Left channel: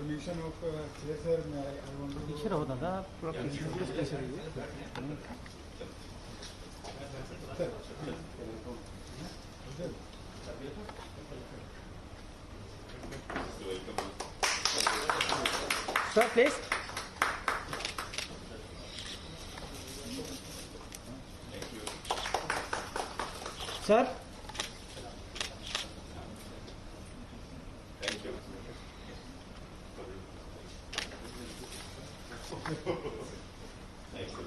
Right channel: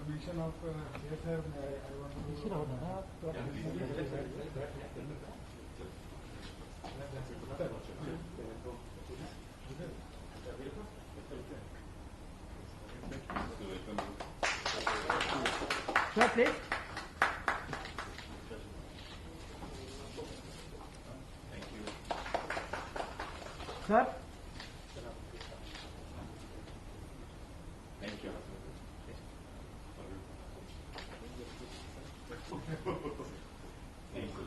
permission of yes sir, I want to. Picture होता था पूरा Sir, please. Thank you. Sir. Thank you. Thank you.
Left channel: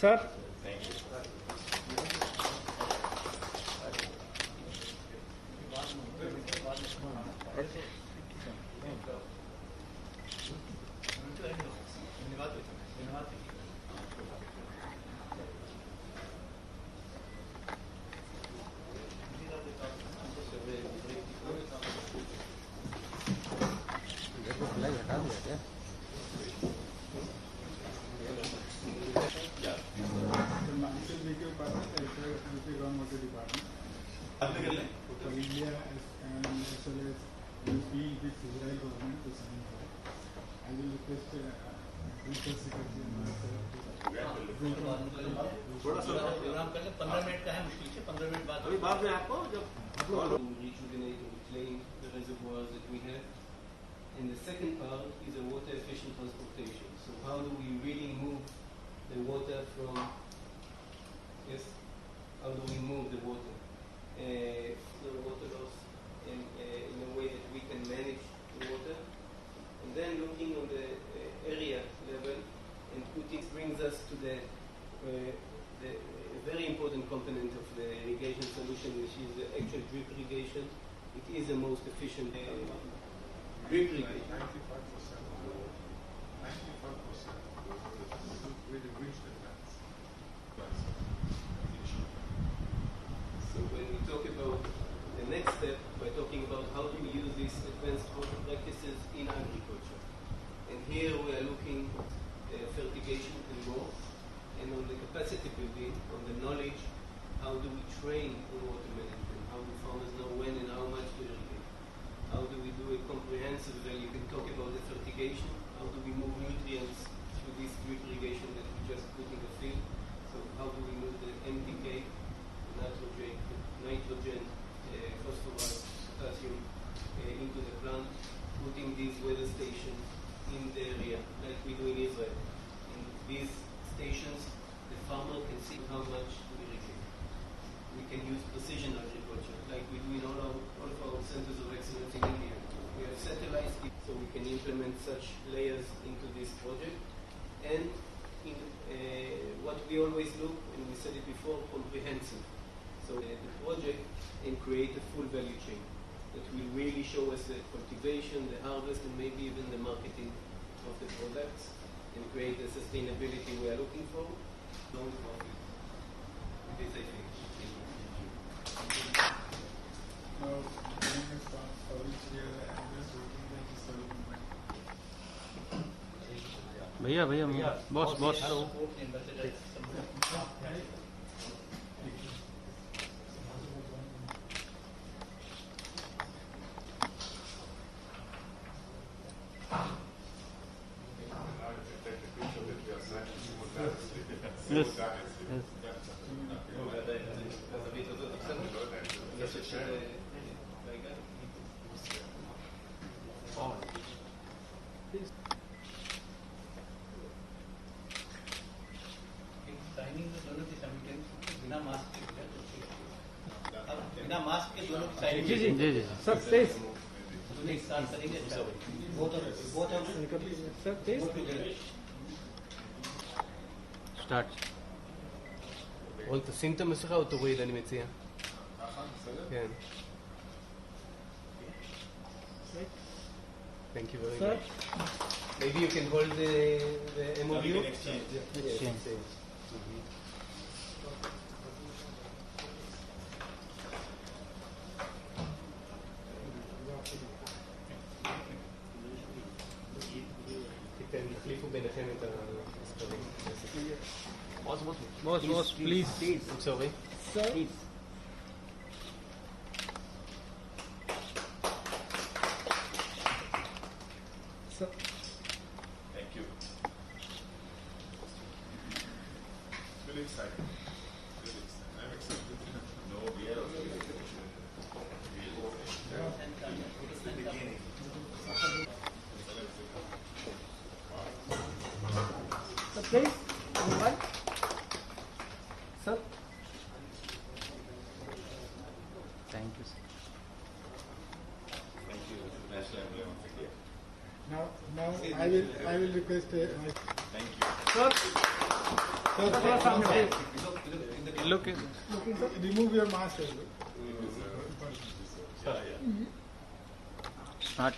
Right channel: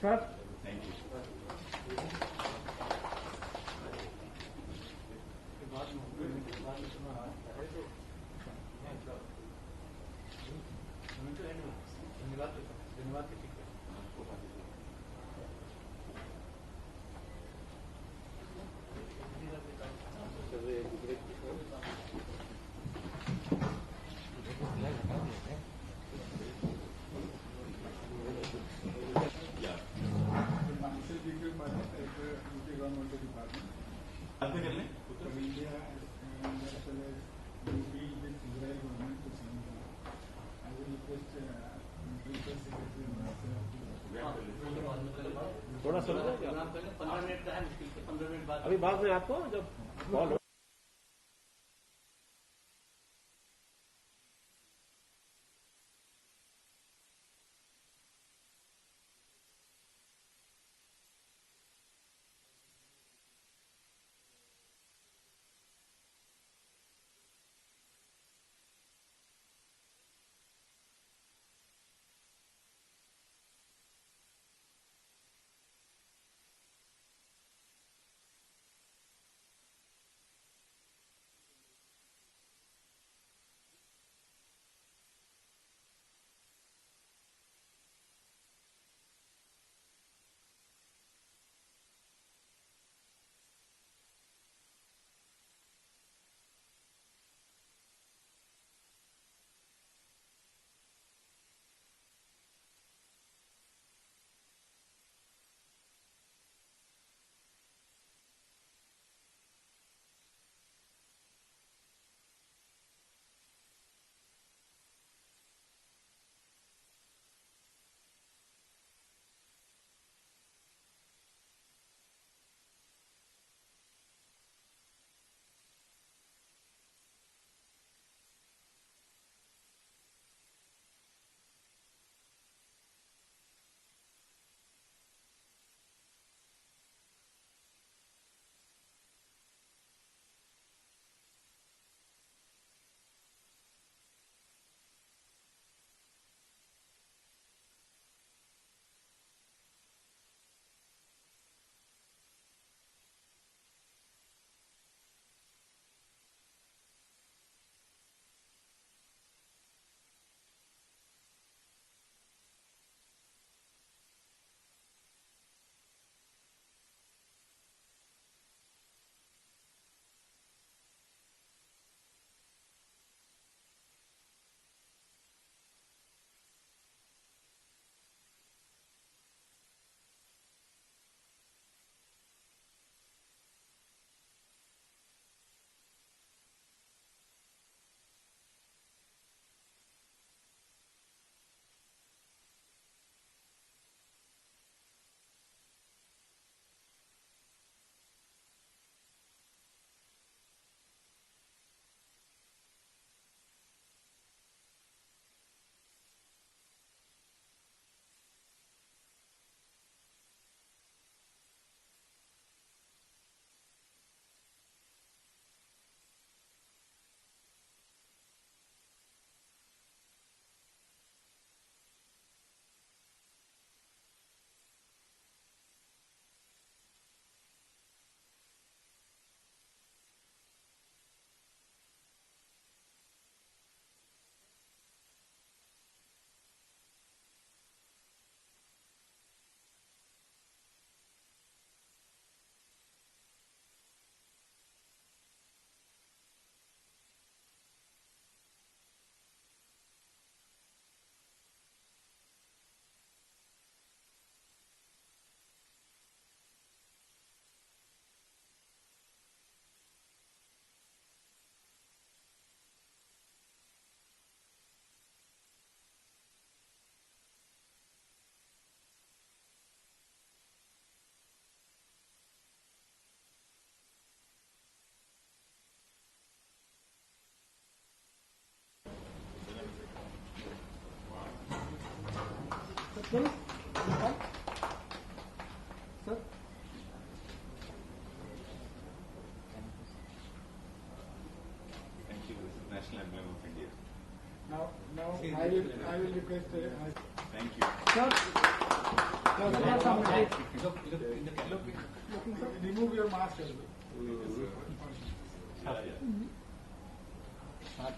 Sir. Thank you. Yeah. The myself video partner, which is one of the department. For India and as well as UP with Israel government to sign for. I will request Principal Secretary and थोड़ा सा programme कर ले 15 minute का है मुश्किल से 15 minute बाद अभी बात में आपको जब rejuvenate and reclaim the reservoirs that we have. And the second part is a water efficient transportation. So how do we really move the water from, yes, how do we move the water? The water loss in a way that we can manage the water. And then looking on the area level and putting brings us to the very important component of the irrigation solution, which is the actual drip irrigation. It is the most efficient drip irrigation. 95%. 95% really reached the plants. So when we talk about the next step, we're talking about how do we use these advanced water practices in agriculture. And here we are looking at fertigation and more, and on the capacity building, on the knowledge, how do we train on water management, how do farmers know when and how much to irrigate, how do we do a comprehensive, you can talk about the fertigation, how do we move nutrients through this drip irrigation that we just put in the field, so how do we move the NPK, nitrogen, phosphorus, potassium into the plant, putting these weather stations in the area, like we do in Israel. In these stations, the farmer can see how much to irrigate. We can use precision agriculture, like we do in all of our centers of excellence in India. We have satellites, so we can implement such layers into this project. And in what we always look, and we said it before, comprehensive. So the project and create a full value chain that will really show us the cultivation, the harvest, and maybe even the marketing of the products, and create the sustainability we are looking for. Long profit. This I think. Now, sorry, here I am just looking at the serving. भैया boss Yes. बिना mask के दोनों side जी sir please start करेंगे sir please סטארט. רון, תשים את המסכה או תוריד, אני מציע. כן. Thank you very much. Maybe you can hold the MOU? Exchange. תחליפו ביניכם את הספרים. Boss, please. I'm sorry. Sir. Please. Sir. I will request. Thank you. Look. Remove your mask as well. Start.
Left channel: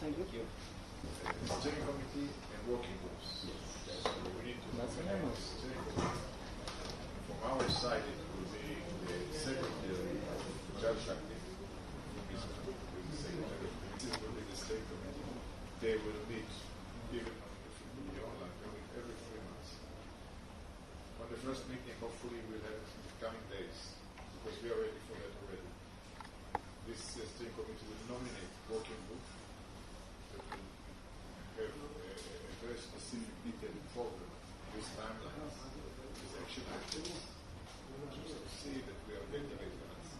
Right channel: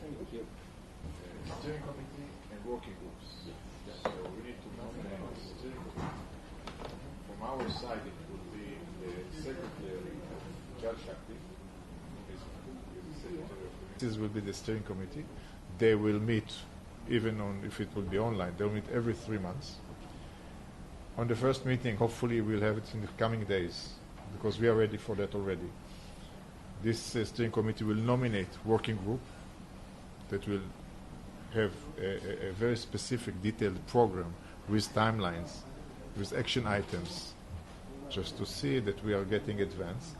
Thank you. Steering committee and working groups. We need to nominate steering committee. From our side, it will be the secretary, Judge Shakti. This will be the steering committee. They will meet, even on if it will be online, they'll meet every 3 months. On the first meeting, hopefully we'll have it in the coming days, because we are ready for that already. This steering committee will nominate working group that will have a very specific, detailed program with timelines, with action items, just to see that we are getting advanced.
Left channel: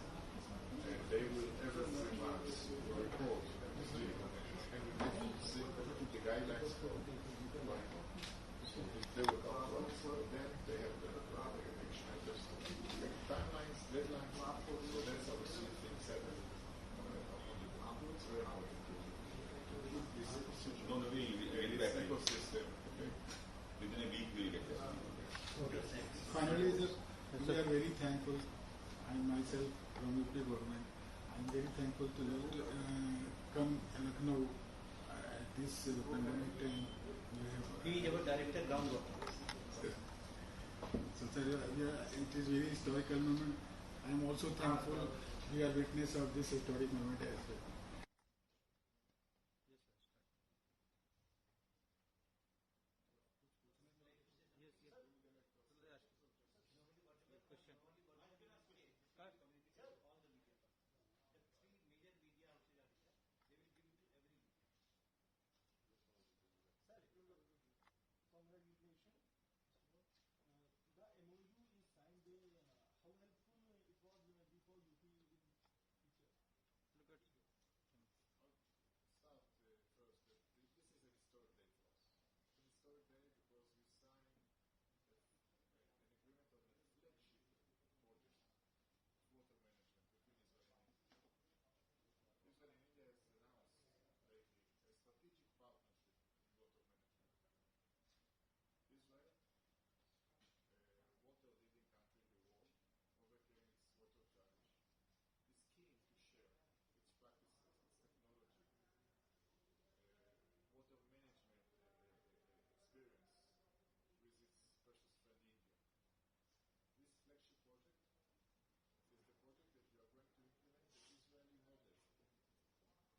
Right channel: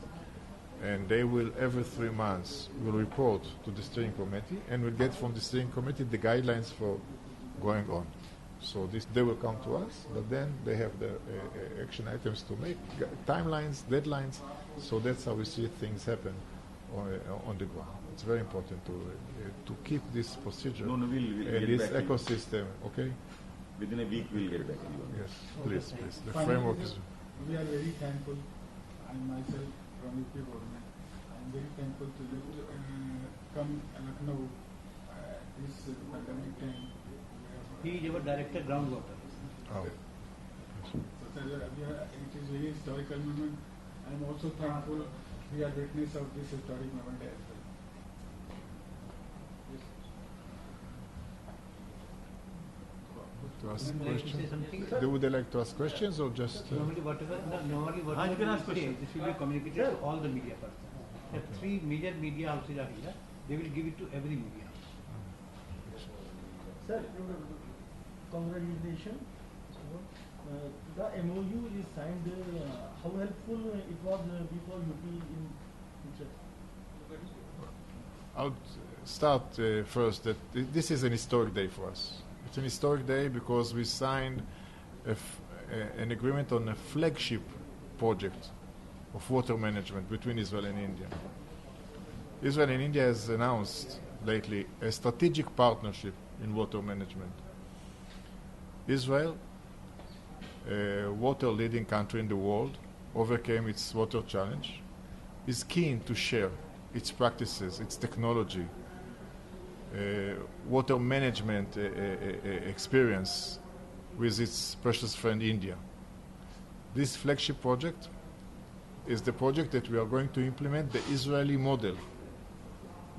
And they will, every 3 months, will report to the steering committee, and will get from the steering committee the guidelines for going on. So they will come to us, but then they have the action items to make, timelines, deadlines. So that's how we see things happen on the ground. It's very important to keep this procedure We'll get this back to you. ecosystem. Okay? Within a week, we'll get back to you. Yes, please. The Finally, framework is. we are very thankful. I myself from Uttar Pradesh. I'm very thankful to come Lucknow at this pandemic time. He is our director groundwork. Oh. So sir, it is very historical moment. I am also thankful we are witness of this historic moment as well. To ask Would you like to say questions? something? Would they like to ask questions or just? Normally whatever You can ask we say, questions. this will be communicated to all the media persons. There are 3 major media houses are here. They will give it to every media house. Sir, congratulations. The MOU is signed. How helpful it was before UP in future? I'll start first that this is an historic day for us. It's an historic day because we signed an agreement on a flagship project of water management between Israel and India. Israel and India has announced lately a strategic partnership in water management. Israel, a water leading country in the world, overcame its water challenge, is keen to share its practices, its technology, water management experience with its precious friend India. This flagship project is the project that we are going to implement the Israeli model,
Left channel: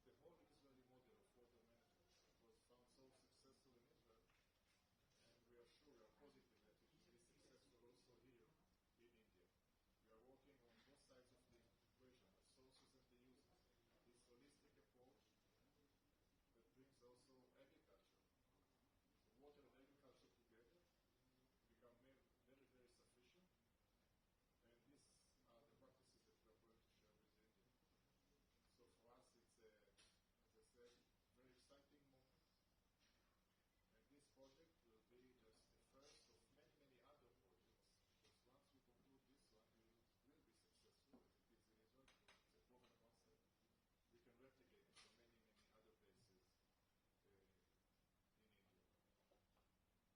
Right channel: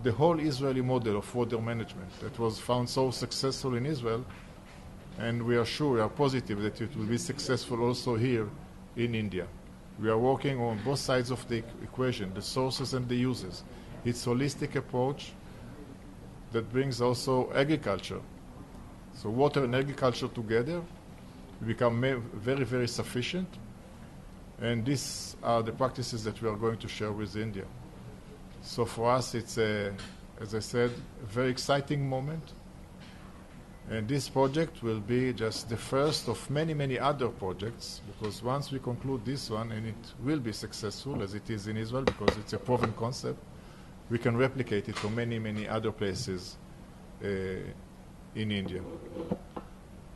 the whole Israeli model of water management that was found so successful in Israel, and we are sure, we are positive that it will be successful also here in India. We are working on both sides of the equation, the sources and the uses. It's a holistic approach that brings also agriculture. So water and agriculture together become very, very sufficient. And these are the practices that we are going to share with India. So for us, it's, as I said, a very exciting moment. And this project will be just the first of many, many other projects, because once we conclude this one, and it will be successful, as it is in Israel, because it's a proven concept, we can replicate it to many, many other places in India.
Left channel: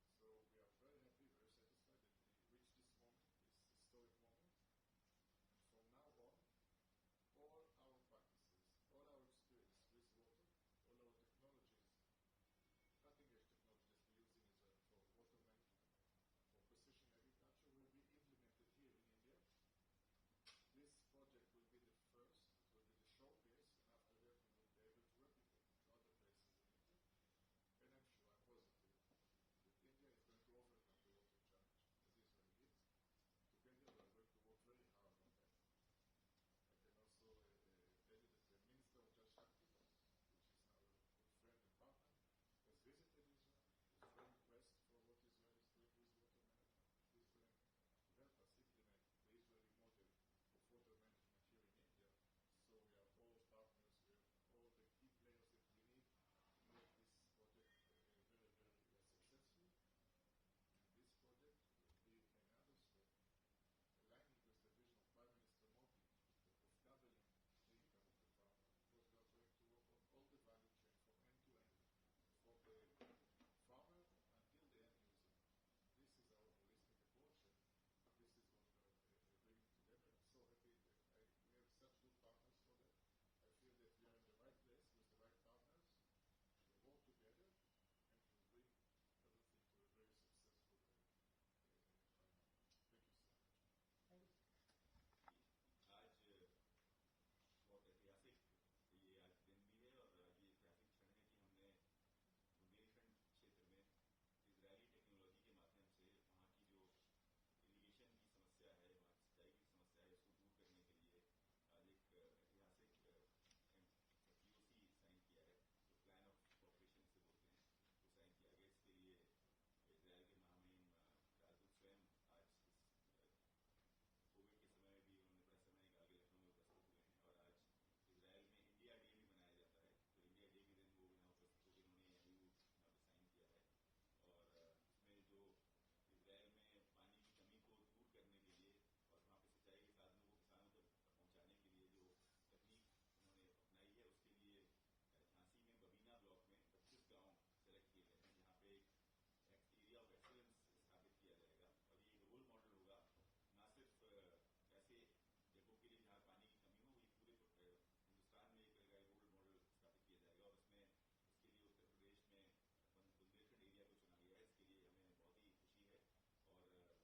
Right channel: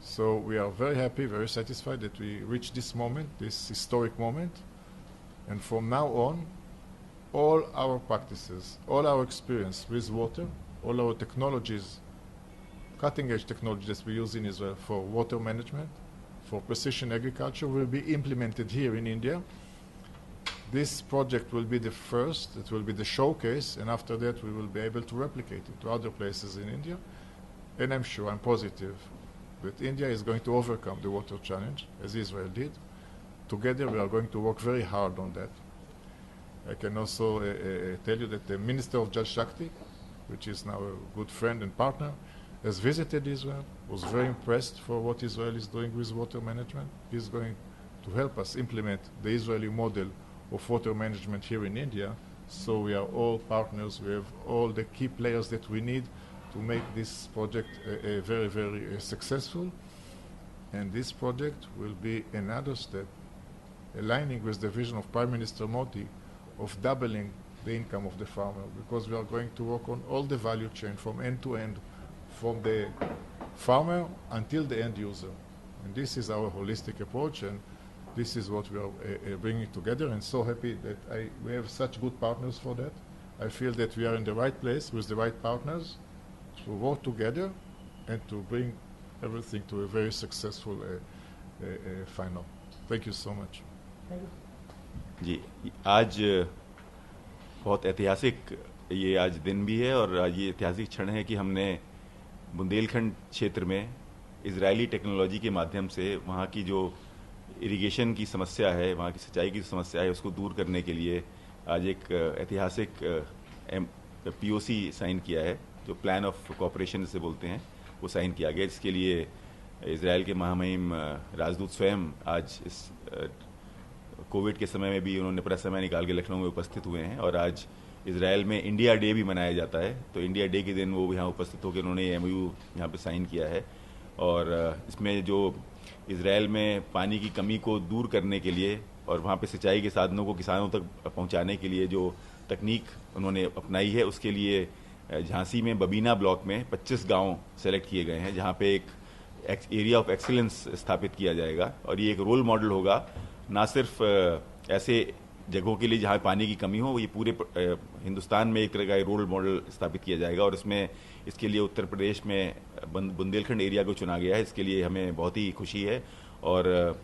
So we are very happy, very satisfied that we reached this moment, this historic moment. And from now on, all our practices, all our experience with water, all our technologies, cutting-edge technologies we use in Israel for water management, for precision agriculture, will be implemented here in India. This project will be the first, it will be the showcase, and after that we will be able to replicate it to other places in India. And I'm sure, I'm positive, that India is going to overcome the water challenge, as Israel did. Together we are going to work very hard on that. I can also tell you that the Minister of Jal Shakti, which is now a good friend and partner, has visited Israel, was very impressed for what Israel is doing with water management. He's going to help us implement the Israeli model of water management here in India. So we are all partners. We have all the key players that we need to make this project very, very successful. And this project will be another step aligning with the vision of Prime Minister Modi of doubling the income of the farmer, because we are going to work on all the value chain from end to end, from the farmer until the end user. And this is our holistic approach, and this is what we are bringing together, and so happy that we have such good partners for that. I feel that we are in the right place with the right partners to work together and to bring everything to a very successful final. Thank you so much. Thank you. जी, आज बहुत ऐतिहासिक ये आज दिन भी है और आज ये ऐतिहासिक क्षण है कि हमने बुंदेलखंड क्षेत्र में इजरायली टेक्नोलॉजी के माध्यम से वहाँ की जो इरिगेशन की समस्या है, वहाँ की सिंचाई की समस्या है, उसको दूर करने के लिए आज एक ऐतिहासिक POC साइन किया है, जो प्लान ऑफ कोऑपरेशन से बोलते हैं, वो साइन किया गया, जिसके लिए इजराइल के महामहिम राजदूत स्वयं आज इस कोविड के समय में भी उन्होंने पूरा समय निकाल के लखनऊ में उपस्थित हुए हैं। और आज इजराइल में इंडिया डे भी मनाया जाता है, तो इंडिया डे के दिन वो यहाँ उपस्थित होकर उन्होंने MOU यहाँ पे साइन किया है। और इसमें जो इजराइल में पानी की कमी को दूर करने के लिए और वहाँ पे सिंचाई के साधनों को किसानों तक पहुँचाने के लिए जो तकनीक उन्होंने अपनाई है, उसके लिए झांसी में बबीना ब्लॉक में 25 गाँव सेलेक्ट किए गए हैं, जहाँ पे एक एरिया ऑफ एक्सीलेंस स्थापित किया जाएगा। और ये एक रोल मॉडल होगा, ना सिर्फ ऐसे जगहों के लिए जहाँ पानी की कमी हो, ये पूरे हिंदुस्तान में एक तरह का रोल मॉडल स्थापित किया जाएगा। और इसके लिए उत्तर प्रदेश में बुंदेलखंड एरिया को चुना गया है, इसके लिए हमें बहुत ही खुशी है। और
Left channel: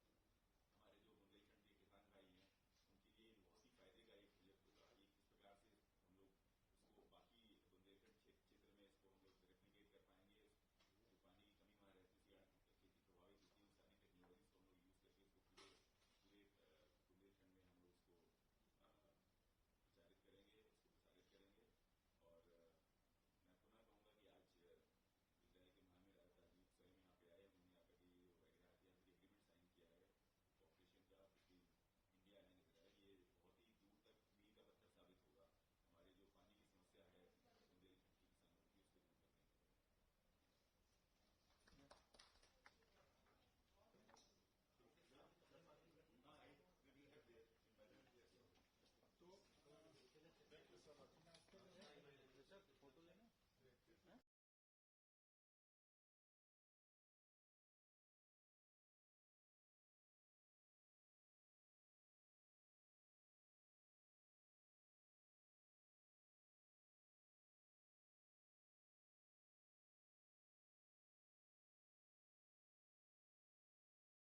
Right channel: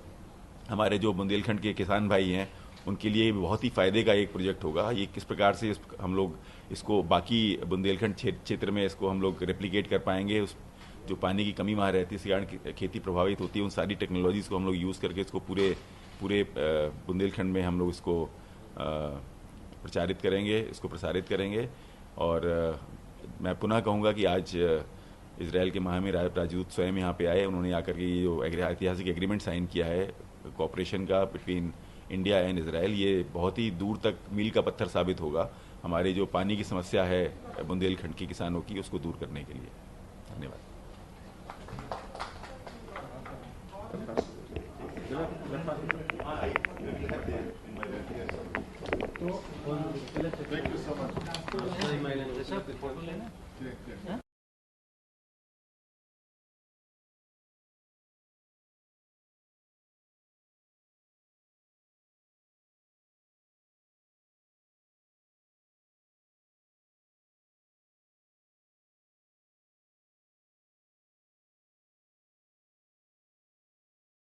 हमारे जो बुंदेलखंड के किसान भाई हैं, उनके लिए बहुत ही फ़ायदे का एक प्रोजेक्ट होगा। ये किस प्रकार से हम लोग इसको बाकी बुंदेलखंड क्षेत्र में इसको हम लोग रेप्लिकेट कर पाएंगे, उस जो पानी की कमी वहाँ रहती है, इस कारण खेती प्रभावित होती है, उन सारी टेक्नोलॉजीज़ को हम लोग यूज़ करके इसको पूरे बुंदेलखंड में हम लोग इसको प्रचारित करेंगे, इसको प्रसारित करेंगे। और मैं पुनः कहूँगा कि आज इजराइल के महामहिम राजदूत स्वयं यहाँ पे आए, उन्होंने आकर के ये जो ऐतिहासिक एग्रीमेंट साइन किया है कोऑपरेशन का बिटवीन इंडिया एंड इजराइल, ये बहुत ही दूर तक मील का पत्थर साबित होगा हमारी जो पानी की समस्या है बुंदेलखंड के किसानों की, उसको दूर करने के लिए। धन्यवाद। Thank you so much.